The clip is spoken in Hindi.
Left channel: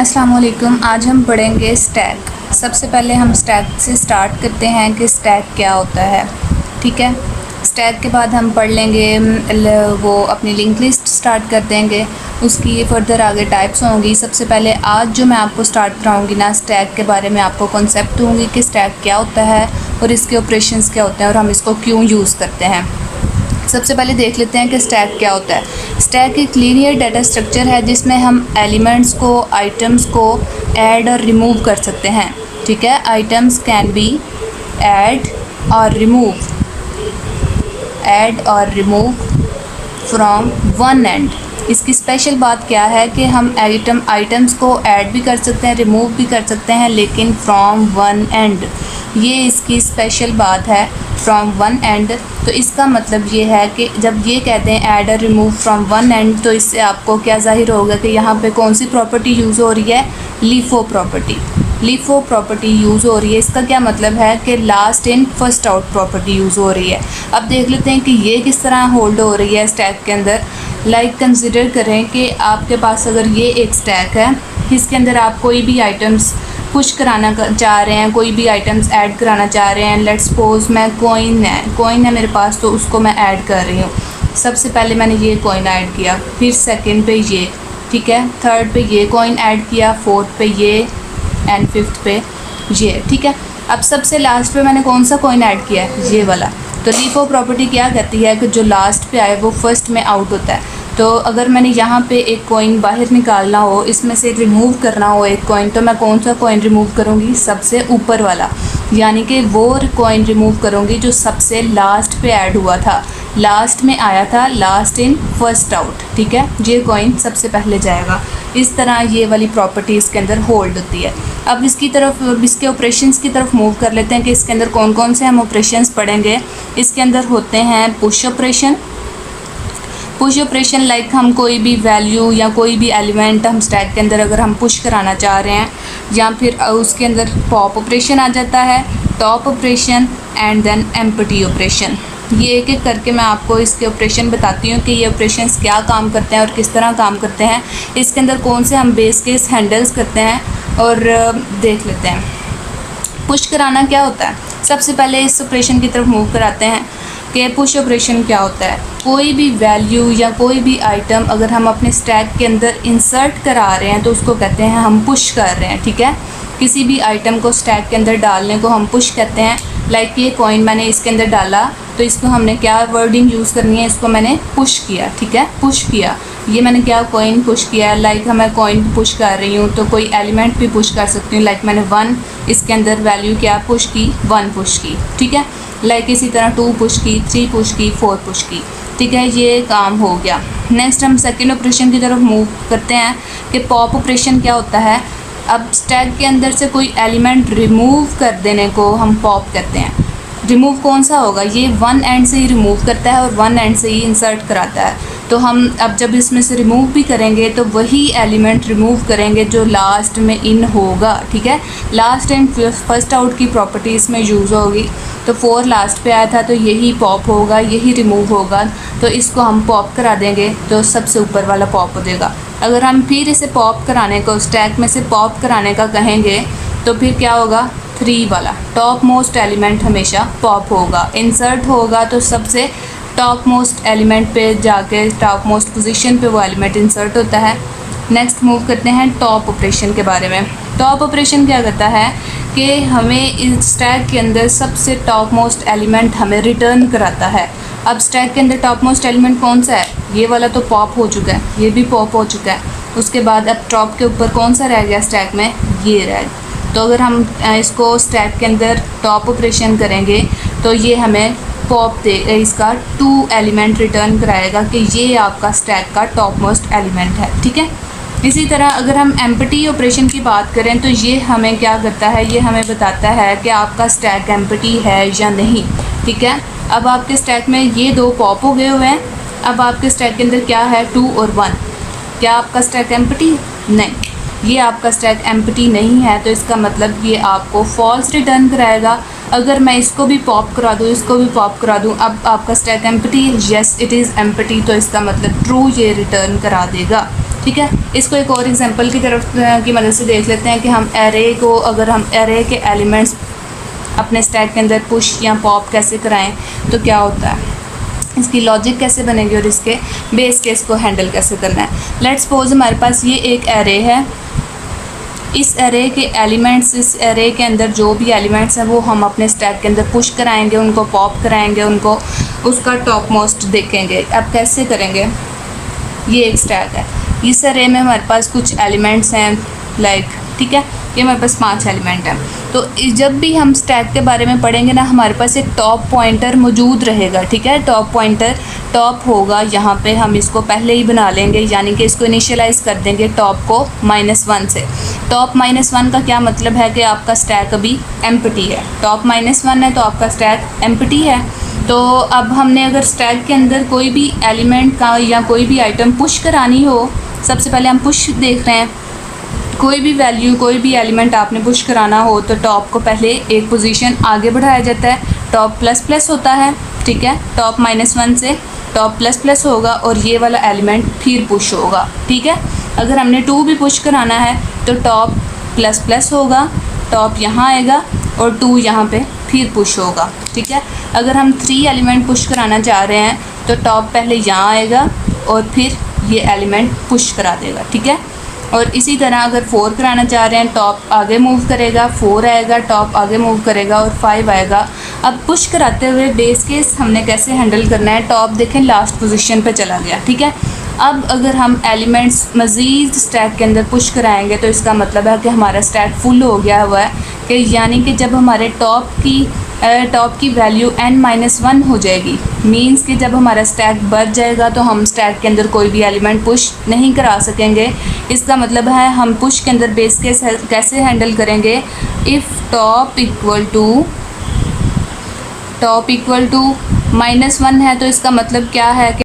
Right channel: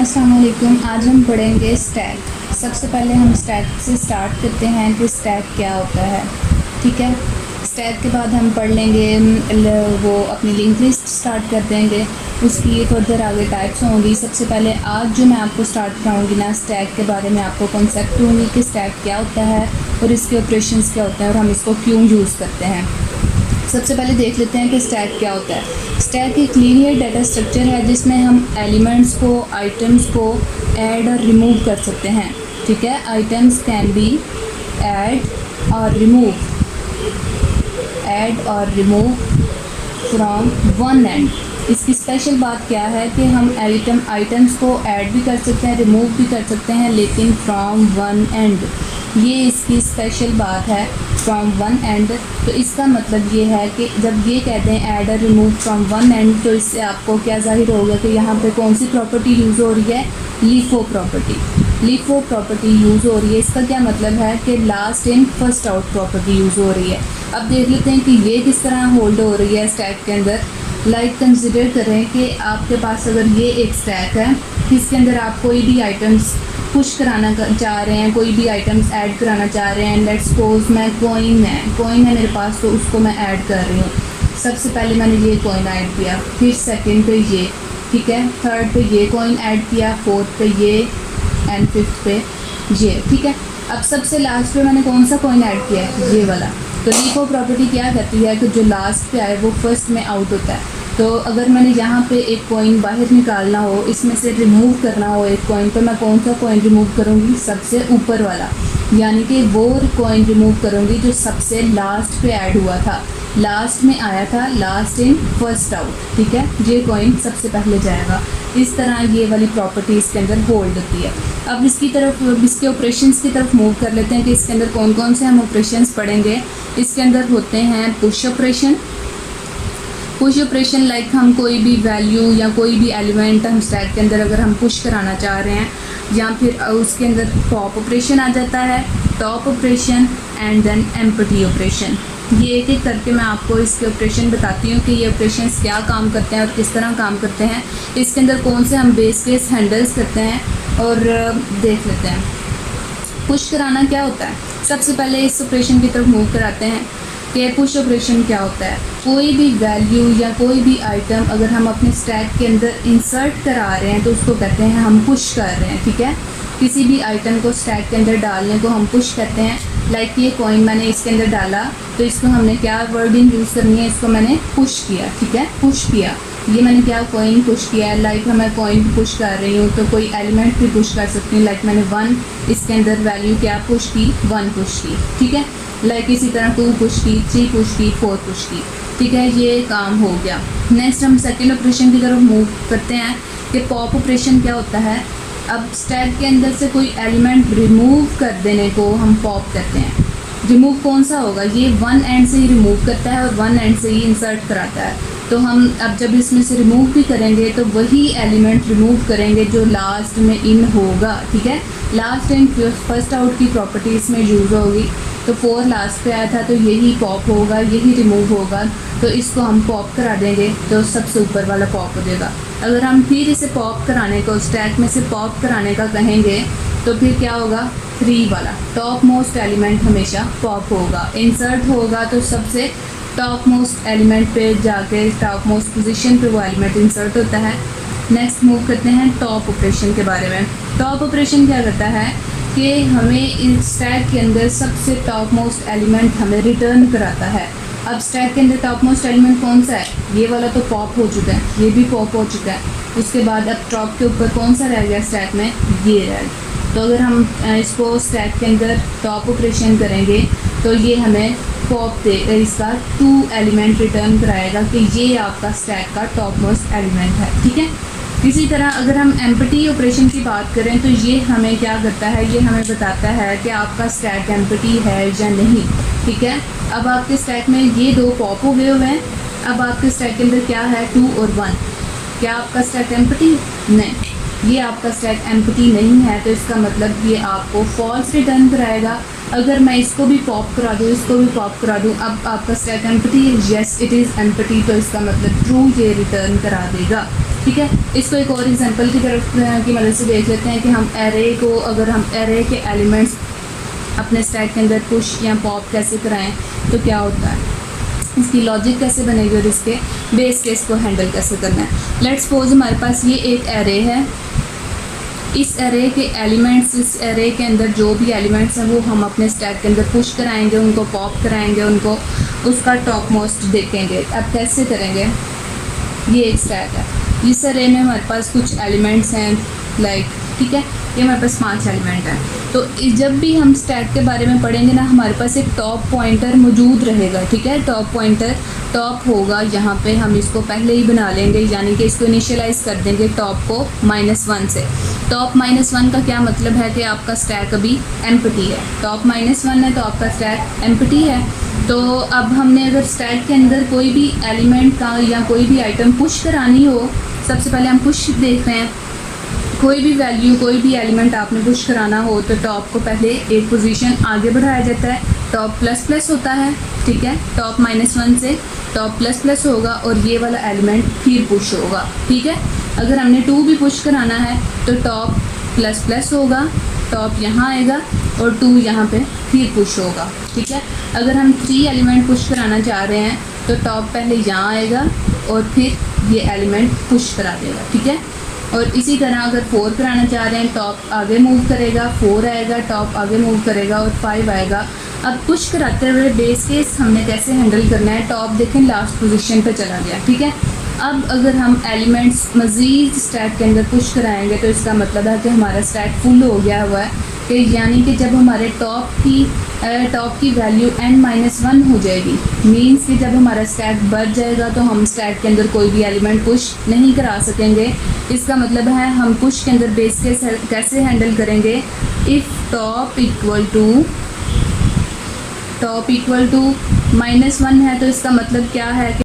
अस्सलाम वालेकुम। आज हम पढ़ेंगे स्टैक। सबसे पहले हम स्टैक से स्टार्ट करते हैं कि स्टैक क्या होता है। ठीक है, स्टैक के बाद हम पढ़ लेंगे वो अपनी लिंक लिस्ट स्टार्ट कर देंगे। उसकी फर्दर आगे टाइप्स होंगी। सबसे पहले आज जो मैं आपको स्टार्ट कराऊंगी ना, स्टैक के बारे में आपको कॉन्सेप्ट दूंगी कि स्टैक क्या होता है और इसके ऑपरेशंस क्या होते हैं और हम इसको क्यों यूज़ करते हैं। सबसे पहले देख लेते हैं कि स्टैक क्या होता है। स्टैक एक लीनियर डाटा स्ट्रक्चर है जिसमें हम एलिमेंट्स को, आइटम्स को ऐड और रिमूव कर सकते हैं। ठीक है, आइटम्स कैन बी ऐड और रिमूव फ्रॉम वन एंड। इसकी स्पेशल बात क्या है कि हम आइटम्स को ऐड भी कर सकते हैं, रिमूव भी कर सकते हैं, लेकिन फ्रॉम वन एंड। ये इसकी स्पेशल बात है, फ्रॉम वन एंड। तो इसका मतलब ये है कि जब ये कहते हैं ऐड और रिमूव फ्रॉम वन एंड, तो इससे आपको क्या ज़ाहिर होगा कि यहाँ पे कौन सी प्रॉपर्टी यूज़ हो रही है? लीफो प्रॉपर्टी यूज़ हो रही है। इसका क्या मतलब है कि last in first out property use हो रही है। अब देख लेते हैं कि ये किस तरह होल्ड हो रही है स्टैक के अंदर। कंसिडर करें कि आपके पास अगर ये एक स्टैक है, इसके अंदर आप कोई भी आइटम्स पुश कराना चाह रहे हैं, कोई भी आइटम्स ऐड कराना चाह रहे हैं। लेट्स सपोज मैं कॉइन है मेरे पास, तो उसको मैं ऐड कर रही हूँ। सबसे पहले मैंने ये कॉइन ऐड किया, फिर सेकंड पे ये, ठीक है, थर्ड पे ये कॉइन ऐड किया, फोर्थ पे ये एंड फिफ्थ पे ये। ठीक है, अब सबसे लास्ट पे मैंने कौन सा कॉइन ऐड किया है? ये वाला। तो लीफो प्रॉपर्टी क्या कहती है कि जो लास्ट पे आए वो फर्स्ट में आउट होता है। तो अगर मैंने यहाँ पे एक कॉइन बाहर निकालना हो, इसमें से रिमूव करना हो एक कॉइन, तो मैं कौन सा कॉइन रिमूव करूँगी? सबसे ऊपर वाला, यानी कि वो कॉइन रिमूव करूँगी जो सबसे लास्ट पे ऐड हुआ था, लास्ट में आया था, लास्ट इन फर्स्ट आउट। ठीक है, ये कॉइन सबसे पहले जाएगा। इस तरह ये वाली प्रॉपर्टी इसके अंदर होल्ड होती है। अब इसके ऑपरेशंस की तरफ मूव कर लेते हैं कि इसके अंदर कौन कौन से हम ऑपरेशंस पढ़ेंगे। इसके अंदर होते हैं पुश ऑपरेशन लाइक हम कोई भी वैल्यू या कोई भी एलिमेंट हम स्टैक के अंदर अगर हम पुश कराना चाह रहे हैं, या फिर उसके अंदर पॉप ऑपरेशन आ जाता है, top operation and then empty operation. ये एक एक करके मैं आपको इसके ऑपरेशन बताती हूँ कि ये ऑपरेशंस क्या काम करते हैं और किस तरह काम करते हैं। इसके अंदर कौन से हम बेस केस हैंडल्स करते हैं और देख लेते हैं। पुश कराना क्या होता है? सबसे पहले इस ऑपरेशन की तरफ मूव कराते हैं कि पुश ऑपरेशन क्या होता है। कोई भी वैल्यू या कोई भी आइटम अगर हम अपने स्टैक के अंदर इंसर्ट करा रहे हैं तो उसको कहते हैं हम पुश कर रहे हैं। ठीक है, किसी भी आइटम को स्टैक के अंदर डालने को हम पुश कहते हैं। लाइक ये कॉइन मैंने इसके अंदर डाला, तो इसको हमने क्या वर्डिंग यूज़ करनी है? इसको मैंने पुश किया। ठीक है, पुश किया, ये मैंने क्या कॉइन पुश किया। लाइक मैं कॉइन पुश कर रही हूँ तो कोई एलिमेंट भी पुश कर सकती हूँ। लाइक मैंने 1 इसके अंदर वैल्यू क्या पुश की? 1 पुश की। ठीक है, लाइक इसी तरह 2 पुश की, 3 पुश की, 4 पुश की। ठीक है, ये काम हो गया। नेक्स्ट हम सेकेंड ऑपरेशन की तरफ मूव करते हैं कि पॉप ऑपरेशन क्या होता है। अब स्टैक के अंदर से कोई एलिमेंट रिमूव कर देने को हम पॉप करते हैं। रिमूव कौन सा होगा? ये वन एंड से ही रिमूव करता है और वन एंड से ही इंसर्ट कराता है। तो हम अब जब इसमें से रिमूव भी करेंगे तो वही एलिमेंट रिमूव करेंगे जो लास्ट में इन होगा। ठीक है, लास्ट इन फर्स्ट आउट की प्रॉपर्टी इसमें यूज़ होगी। तो 4 लास्ट पे आया था तो यही पॉप होगा, यही रिमूव होगा। तो इसको हम पॉप करा देंगे तो सबसे ऊपर वाला पॉप हो जाएगा। अगर हम फिर इसे पॉप कराने को, स्टैक में से पॉप कराने का कहेंगे, तो फिर क्या होगा? 3 वाला टॉप मोस्ट एलिमेंट हमेशा पॉप होगा। इंसर्ट होगा तो सबसे टॉप मोस्ट एलिमेंट पे जाके टॉप मोस्ट पोजीशन पे वो एलिमेंट इंसर्ट होता है। नेक्स्ट मूव करते हैं टॉप ऑपरेशन के बारे में। टॉप ऑपरेशन क्या करता है कि हमें इस स्टैक के अंदर सबसे टॉप मोस्ट एलिमेंट हमें रिटर्न कराता है। अब स्टैक के अंदर टॉप मोस्ट एलिमेंट कौन सा है? ये वाला तो पॉप हो चुका है, ये भी पॉप हो चुका है। उसके बाद अब टॉप के ऊपर कौन सा रह गया स्टैक में? ये रह गया। तो अगर हम इसको स्टैक के अंदर टॉप ऑपरेशन करेंगे तो ये हमें पॉप दे, इसका 2 एलिमेंट रिटर्न कराएगा कि ये आपका स्टैक का टॉप मोस्ट एलिमेंट है। ठीक है, इसी तरह अगर हम एम्प्टी ऑपरेशन की बात करें तो ये हमें क्या करता है? ये हमें बताता है कि आपका स्टैक एम्प्टी है या नहीं। ठीक है, अब आपके स्टैक में ये 2 पॉप हो गए हुए हैं। अब आपके स्टैक के अंदर क्या है? 2 और 1। क्या आपका स्टैक एम्प्टी? नहीं, ये आपका स्टैक एम्प्टी नहीं है। तो इसका मतलब ये आपको फॉल्स रिटर्न कराएगा। अगर मैं इसको भी पॉप करा दूँ, इसको भी पॉप करा दूँ, अब आपका स्टैक एम्प्टी है? Yes, it is empty. तो इसका मतलब ट्रू ये रिटर्न करा देगा। ठीक है। इसको एक और एग्जांपल की तरफ की मदद से देख लेते हैं कि हम एरे को, अगर हम एरे के एलिमेंट्स अपने स्टैक के अंदर पुश या पॉप कैसे कराएं तो क्या होता है, इसकी लॉजिक कैसे बनेगी और इसके बेस केस को हैंडल कैसे करना है। लेट्स सपोज हमारे पास ये एक एरे है, इस एरे के एलिमेंट्स, इस एरे के अंदर जो भी एलिमेंट्स हैं वो हम अपने स्टैक के अंदर पुश कराएंगे, उनको पॉप कराएंगे, उनको उसका टॉप मोस्ट देखेंगे। अब कैसे करेंगे, ये एक स्टैक है, इस एरे में हमारे पास कुछ एलिमेंट्स हैं लाइक, ठीक है, ये हमारे पास 5 एलिमेंट हैं। तो जब भी हम स्टैक के बारे में पढ़ेंगे ना, हमारे पास एक टॉप पॉइंटर मौजूद रहेगा, ठीक है। टॉप पॉइंटर टॉप होगा, यहाँ पे हम इसको पहले ही बना लेंगे, यानी कि इसको इनिशियलाइज़ कर देंगे टॉप को -1 से। टॉप -1 का क्या मतलब है कि आपका स्टैक अभी एम्प्टी है, टॉप -1 है तो आपका स्टैक एम्प्टी है। तो अब हमने अगर स्टैक के अंदर कोई भी एलिमेंट का या कोई भी आइटम पुश करानी हो, सबसे पहले हम पुश देख रहे हैं, कोई भी वैल्यू, कोई भी एलिमेंट आपने पुश कराना हो तो टॉप को पहले एक पोजीशन आगे बढ़ाया जाता है, टॉप ++ होता है, ठीक है। टॉप -1 से टॉप ++ होगा और ये वाला एलिमेंट फिर पुश होगा, ठीक है। अगर हमने 2 भी पुश कराना है तो टॉप ++ होगा, टॉप यहाँ आएगा और 2 यहाँ पे फिर पुश होगा, ठीक है। अगर हम 3 एलिमेंट पुश कराना चाह रहे हैं तो टॉप पहले यहाँ आएगा और फिर ये एलिमेंट पुश करा देगा, ठीक है। और इसी तरह अगर 4 कराना चाह रहे हैं, टॉप आगे मूव करेगा, 4 आएगा, टॉप आगे मूव करेगा और 5 आएगा। अब पुश कराते हुए बेस केस हमने कैसे हैंडल करना है, टॉप देखें लास्ट पोजीशन पे चला गया, ठीक है। अब अगर हम एलिमेंट्स मज़ीद स्टैक के अंदर पुश कराएंगे तो इसका मतलब है कि हमारा स्टैक फुल हो गया हुआ है, कि यानी कि जब हमारे टॉप की वैल्यू n-1 हो जाएगी, मींस कि जब हमारा स्टैक बढ़ जाएगा तो हम स्टैक के अंदर कोई भी एलिमेंट पुश नहीं करा सकेंगे। इसका मतलब है हम पुश के अंदर बेस केस कैसे हैंडल करेंगे, इफ़ टॉप इक्वल टू -1 है तो इसका मतलब क्या है कि